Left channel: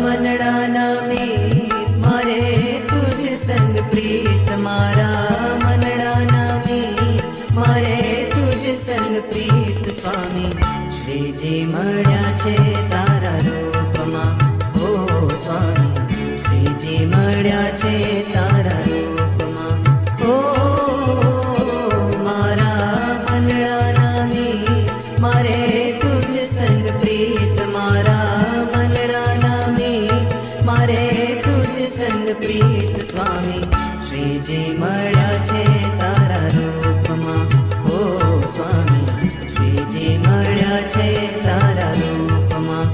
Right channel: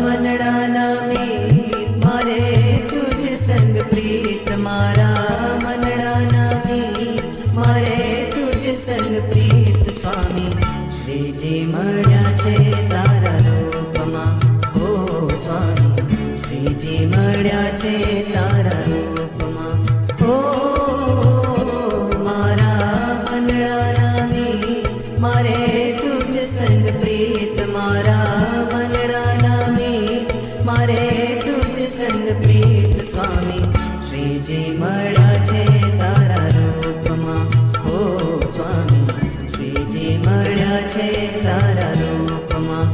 મનડાના મીત મારે તુજ સંગ પ્રીત મારા મનડાના મીત મારે તુજ સંગ પ્રીત સ્વામી શ્રીજી મળ્યા છે તારા રૂપમાં ઓ સ્વામી શ્રીજી મળ્યા છે તારા રૂપમાં ઓ મારા મનડાના મીત મારે તુજ સંગ પ્રીત મારા મનડાના મીત મારે તુજ સંગ પ્રીત સ્વામી શ્રીજી મળ્યા છે તારા રૂપમાં ઓ સ્વામી શ્રીજી મળ્યા છે તારા રૂપમાં